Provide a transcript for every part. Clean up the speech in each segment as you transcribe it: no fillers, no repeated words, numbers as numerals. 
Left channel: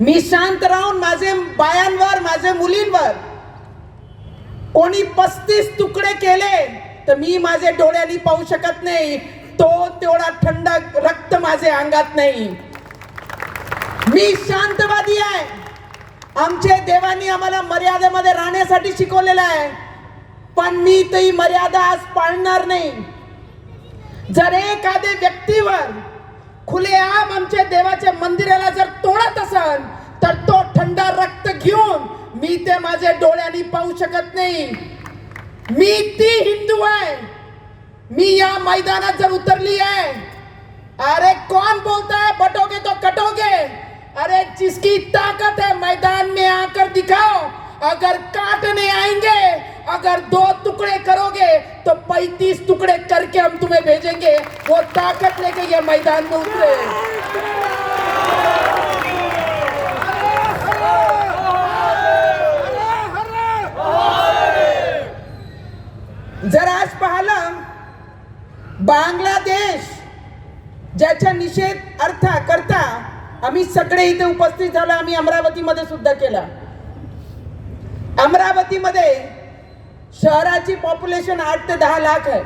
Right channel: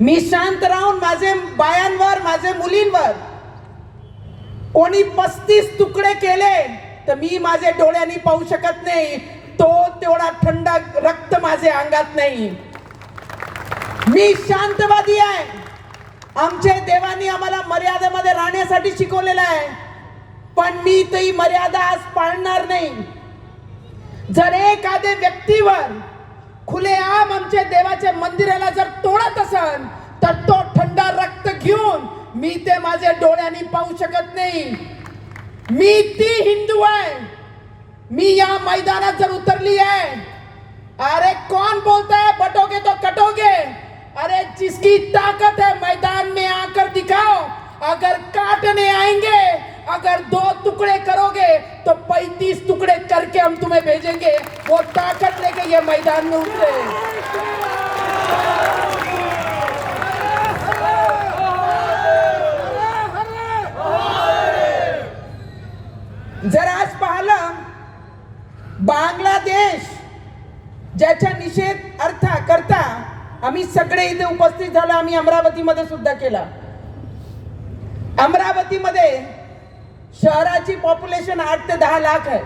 मी शांत राहून माझे बायांवर माझे मुलींवर कोणी 35 तुकडे केले तर मी माझे डोळ्यांनी पाहू शकत नाही. तो तेवढा थंड रक्त माझे अंगात नाही. मी शांतवादी आहे. आमचे देवांनी आम्हाला मर्यादेमध्ये राहण्यासाठी शिकवलेलं आहे. पण मी ती मर्यादा आज पाळणार नाही. जर एखाद्या व्यक्तीवर खुलेआम आमच्या देवाच्या मंदिराला जर तोडत असेल तर तो थंड रक्त घेऊन मी ते माझ्या डोळ्यांनी पाहू शकत नाही. मी ती हिंदू आहे. मी या मैदानात जर उतरली है, अरे कौन बोलता है बटोगे तो कटोगे? अरे जिसकी ताकत है मैदान में आकर दिखाओ. अगर काटने आएंगे, अगर 2 टुकड़े करोगे तो 35 टुकड़े करके हम तुम्हें भेजेंगे. वो ताकत लेके ये मैदान में उतरे. जर आज पाहिलं बांगलादेश ज्याचा निषेध अर्थ करता आम्ही सगळे इथे उपस्थित झालो. आम्ही अमरावतीमध्ये सुद्धा केला. अमरावतीमध्ये शहराची पॉप्युलेशन 8 ते 10 लाख आहे.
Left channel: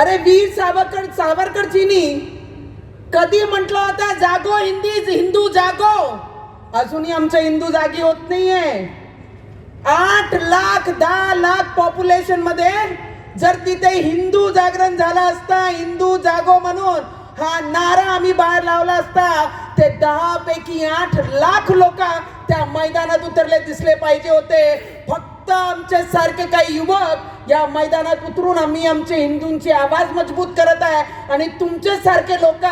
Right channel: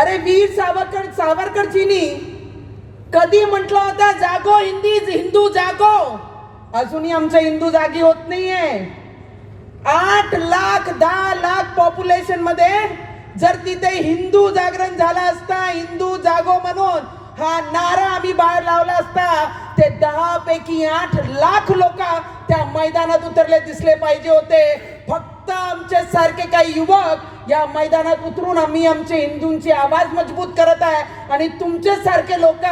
अरे वीर सावरकरजींनी कधी म्हटलं होतं जागो हिंदू जागो. अजूनही आमच्या हिंदू जागी होत नाहीये. 8 लाख 10 लाख पॉप्युलेशन मध्ये जर तिथे हिंदू जागरण झाला असता, हिंदू जागो म्हणून हा नारा आम्ही बाहेर लावला असता, ते 10 पैकी 8 लाख लोक त्या मैदानात उतरले दिसले पाहिजे होते. फक्त आमच्या सारखे काही युवक या मैदानात उतरून आम्ही आमचे हिंदूंची आवाज मजबूत करत आहे. आणि तुमचे सारखे लोक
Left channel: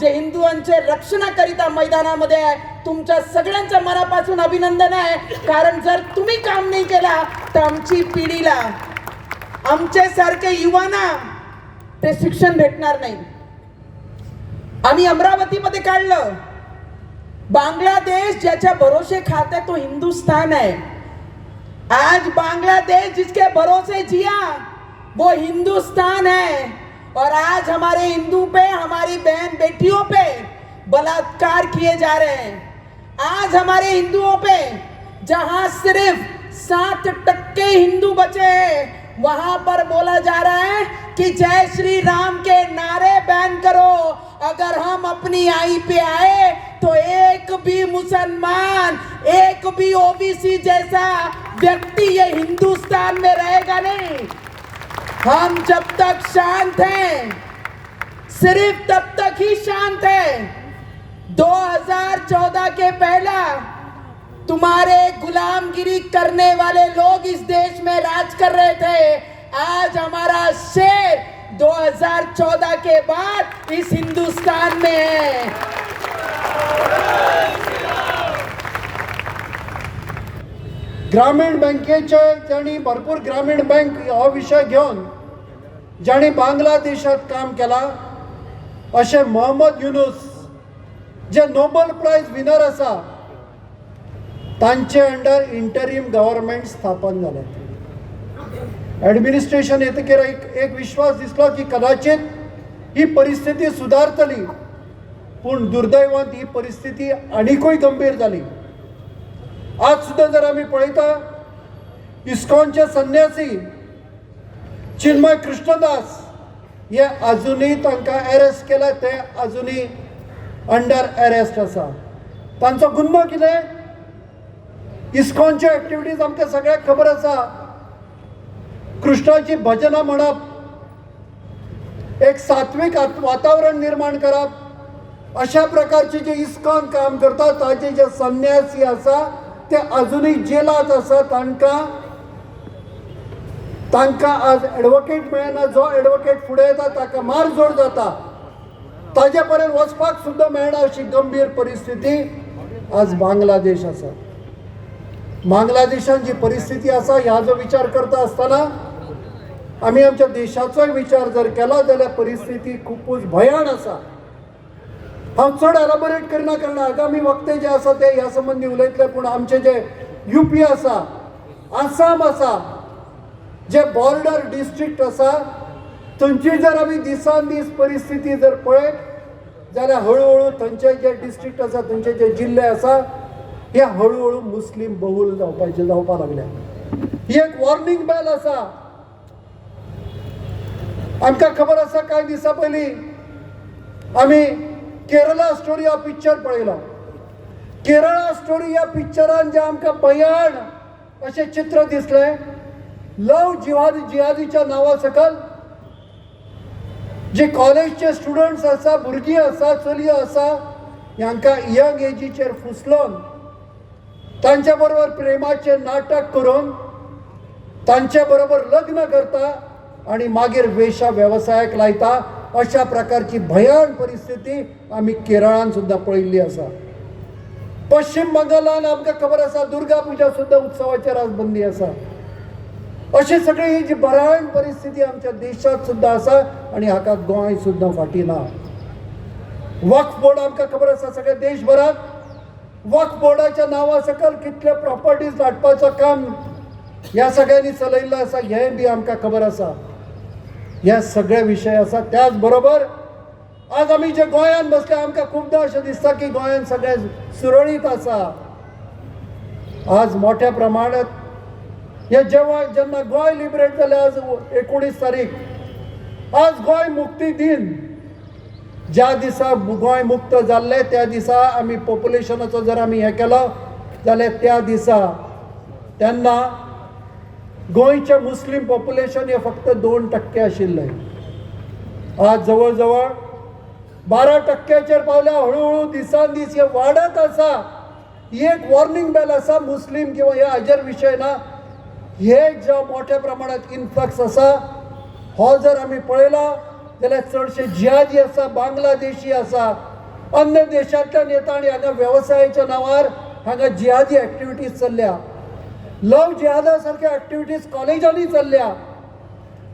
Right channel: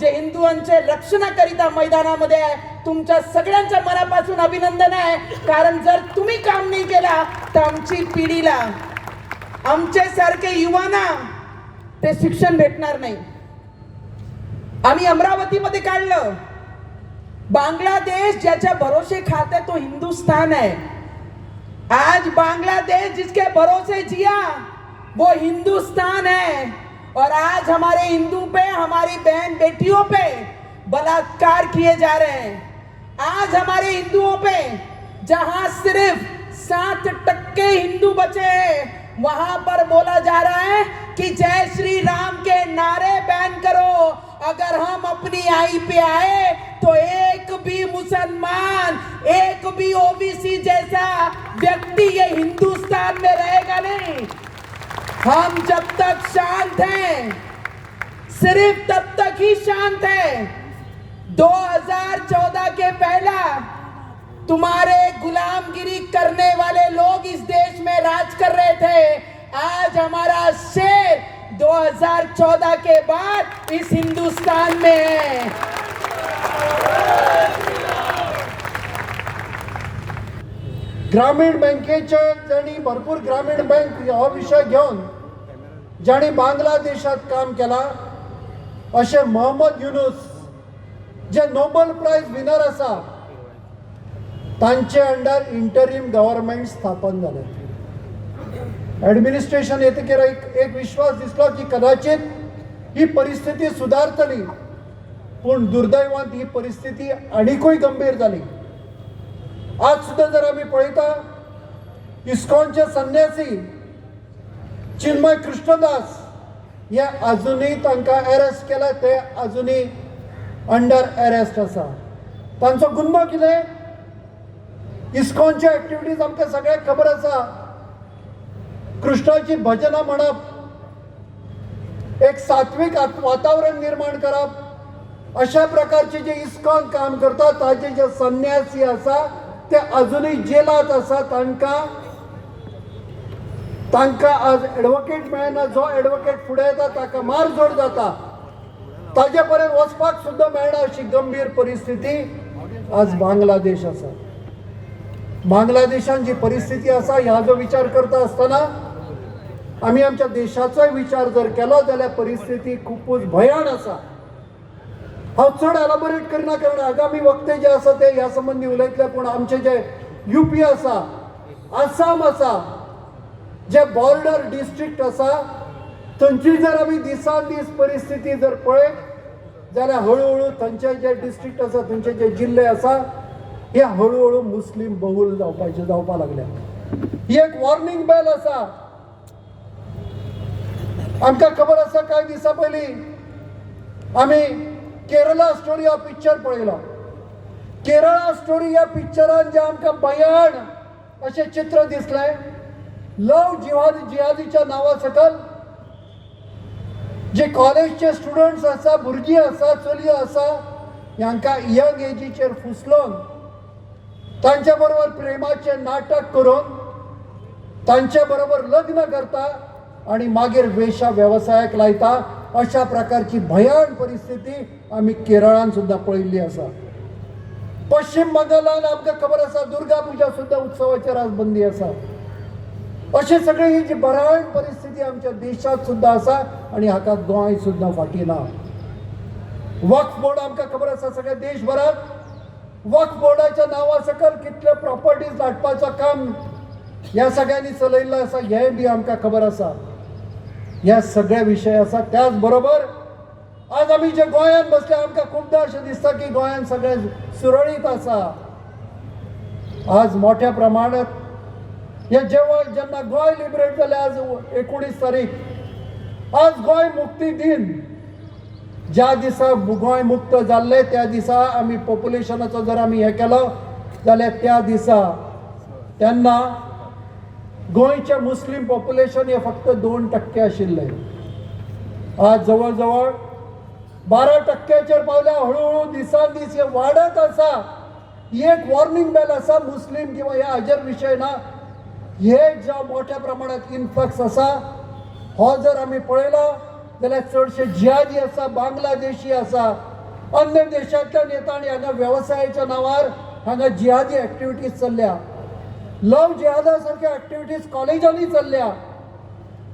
जे हिंदुआंचे रक्षणाकरिता मैदानामध्ये आहे, तुमच्या सगळ्यांच्या मनापासून अभिनंदन आहे. कारण जर तुम्ही काम नाही केला तर आमची पिढीला, आमचे सारखे युवांना ते शिक्षण भेटणार नाही. आम्ही अमरावतीमध्ये काढलं. बांग्लादेश ज्याच्या भरोसे खाते तो हिंदुस्तान है. आज बांग्लादेश जिसके भरोसे जिया वो हिंदुस्तान है. और आज हमारे हिंदू पे, हमारी बहन बेटियों पे बलात्कार किए जा रहे हैं. आज हमारे हिंदुओं पे जहां सिर्फ 7% हिंदू बचे हैं, वहां पर बोला जा रहा है कि जय श्री राम के नारे बैन करो. अगर हम अपनी आई पे आए तो एक भी मुसलमान, एक भी ओबीसी जैसा व्यक्ति ये हिंदुस्तान में रहेगा नहीं. हम जब तक शांत हैं, सिर्फ तब तक ही शांत है. 2014 के पहला तुम्हारे गुलामगिरी करने वाले लोग इस देश में राज कर रहे थे. आज हमारा शेर 2014 के बाद इस हिंदुस्तान में है. ग्रामीण बँकेचे ज्यांनी भरपूर ग्रामीण बँक हा विषय घेऊन ज्यांनी बांगलादेशात काम केला असे मोहम्मद युनुस जे नोबेल प्राइज विनर असा, तांचे अंडर इंटरिम गव्हर्नमेंट स्थापन झाले. ॲडमिनिस्ट्रेशन येतकीर एक विश्वास दिसलो की कदाचित ही परिस्थिती सुधारतली. पण दुर्दैवान ही परिस्थिती आणखी गंभीर झाली. आज सुद्धा जर आम्ही पळयता इस्कॉनचे संन्यासी चिन्मय कृष्णदास हे अजूनही तांकां अरेस्ट केला. ते अजूनही अंडर अरेस्ट आसा. तांचो गुन्हो कितें? इस्कॉनचे ॲक्टिविटीज आमकां सगळ्यांक खबर आसा. कृष्णाची भजनां म्हणप, एक सात्विक वातावरण निर्माण करप, अशा प्रकारचे जे इस्कॉन काम करता ताचे जे संन्यासी आसा ते अजूनही जेलात आसा. तांकां आज ॲडवोकेट मेळना. जो ॲडवोकेट फुडें येता ताका मारझोड जाता. ताजे पर्यंत वचपाक सुद्दां मेळना अशी गंभीर परिस्थिती आज बांगलादेश आसा. बांगलादेशान जी परिस्थिती आसा ह्या जो विचार करता आसतना आमी आमच्या देशाचोय विचार जर केलो जाल्यार परिस्थिती खूपच भयान आसा. हांव चड एलॅबोरेट करना कारण आगामी वक्ते जे आसा ते ह्या संबंधी उलयतले. पूण आमचे जे UP आसा, आसाम आसा, जे बॉर्डर डिस्ट्रिक्ट आसा, थंयची जर आमी दिसान दीस परिस्थिती जर पळयत जाल्यार हळूहळू थंयचे जे डिस्ट्रिक्ट आसा थंयचे जे जिल्हे आसा हे हळूहळू मुस्लीम बहुल जावपाक लागल्या. ही एक वॉर्निंग बेल आसा. आमकां खबर आसा कांय दिसा पयलीं आमी केरला स्टोरी हा पिक्चर पळयलो. केरळा स्टोरी ह्या पिक्चरान जे आमकां भयान अशें चित्र दिसलें, लव जिहादीच्या नांवा सकल जे कॉलेजचे स्टुडंट्स आसा, भुरगीं आसा, चलयो आसा, हांकां यंग एजीचेर फुसलोवन तांच्या बरोबर प्रेमाचे नाटक करून तांच्या बरोबर लग्न करता आणि मागीर वेश्या वेवसायाक लायता. अशा प्रकारची भयान परिस्थिती आमी केरळान सुद्दां पळयल्ली आसा. पश्चिम बंगालान आमकां खबर आसा दुर्गा पुजा सुद्दां उत्सवाचेर आज बंदी आसा. अशी सगळी ही जी भयान परिस्थिती आमच्या देशात सुद्दां आसा आणि हाका गोंय सुद्दां फाटी ना. वक्फ बोर्ड आमकां खबर आसा सगळ्या देशभरात वक्फ बोर्डाच्या नांवा सकल कितले प्रॉपर्टीज धाडपाचो काम ह्या सगळ्यांनी चलयल्लें आसा हेंय बी आमकां खबर आसा. ह्या सगळे विशय आसा. त्याच बरोबर आज आमी जे गोंयान बसले आमकां खूबदां अशें दिसता की गोंयान सगळें सुरळीत आसा. आज मोठ्या प्रमाणात हे जेन्ना गोंय लिबरेट जालें आज 19 तारीख आज गोंय मुक्ती दिन. ज्या दिसा गोंय मुक्त जाल्लें त्या दिसा आमी पॉप्युलेशनाचो जर आमी हें केलो जाल्यार त्या दिसा तेन्ना गोंयचें मुस्लीम पॉप्युलेशन हे फक्त 2% आशिल्लें. आज जवळ जवळ 12%चेर पावल्या. हळूहळू दिसान दीस हे वाडत आसा. ही एक वॉर्निंग बेल आसा. मुस्लीम किंवा ह्या हाजेर विशय ना. हे ज्या मोठ्या प्रमाणात इन्फ्लक्स आसा हो जर आमी पळयलो जाल्यार चडशे जिहादी आसा, बांगलादेशी आसा, अन्य देशांतल्यान येता आनी हांगा वेवसायाच्या नांवार हांगा जिहादी एक्टिविटीज चल्ल्या. लव जिहादा सारख्या एक्टिविटीज कॉलेजांनी चल्ल्या.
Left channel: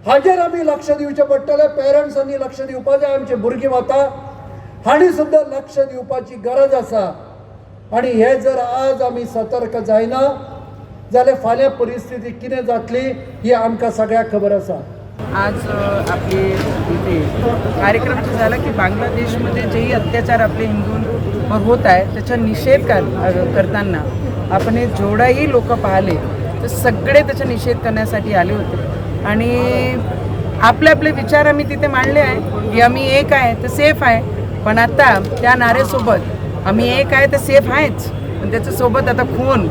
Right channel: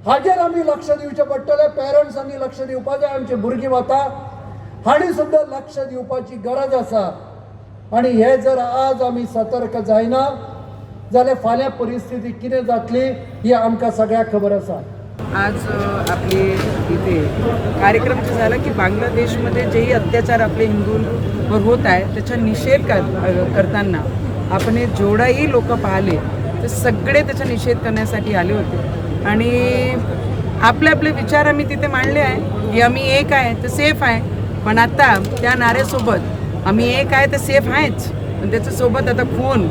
हाजेर आमी लक्ष दिवचें पडटलें. पेरंट्सांनी लक्ष दिवपाक जाय. आमची भुरगीं वता हांणी सुद्दां लक्ष दिवपाची गरज आसा. आनी हे जर आज आमी सतर्क जायना जाल्यार फाल्यां परिस्थिती कितें जातली ही आमकां सगळ्यांक खबर आसा. आज आपले इथे कार्यक्रम जो झाला की बांगलादेशमध्ये जेही अत्याचार आपले हिंदूंवर होत आहे त्याचा निषेध करताना आपण हे जेवढाही लोक पाहिले तर सगळे त्याचा निषेध करण्यासाठी आले होते आणि आपले आपले विचार आम्ही तिथे मांडले आहे की आम्ही एक आहे तर सेफ आहे. पण आता त्या नाऱ्यासोबत आम्ही एक आहे तर सेफ आहेच पण त्याच्यासोबत आता खून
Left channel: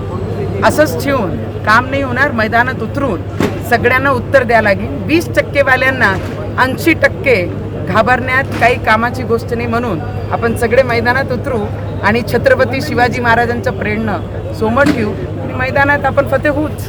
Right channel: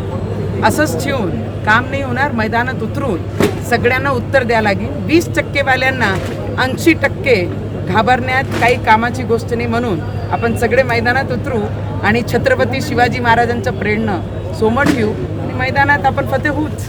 असंच ठेवून काम नाही होणार. मैदानात उतरून सगळ्यांना उत्तर द्यावं लागेल. 20% वाल्यांना 80% घाबरण्यात काही कामाची गोष्ट नाही म्हणून आपण सगळे मैदानात उतरू आणि छत्रपती शिवाजी महाराजांचं प्रेरणा सोमत ठेवू आणि मैदानात आपण फतेह होऊच.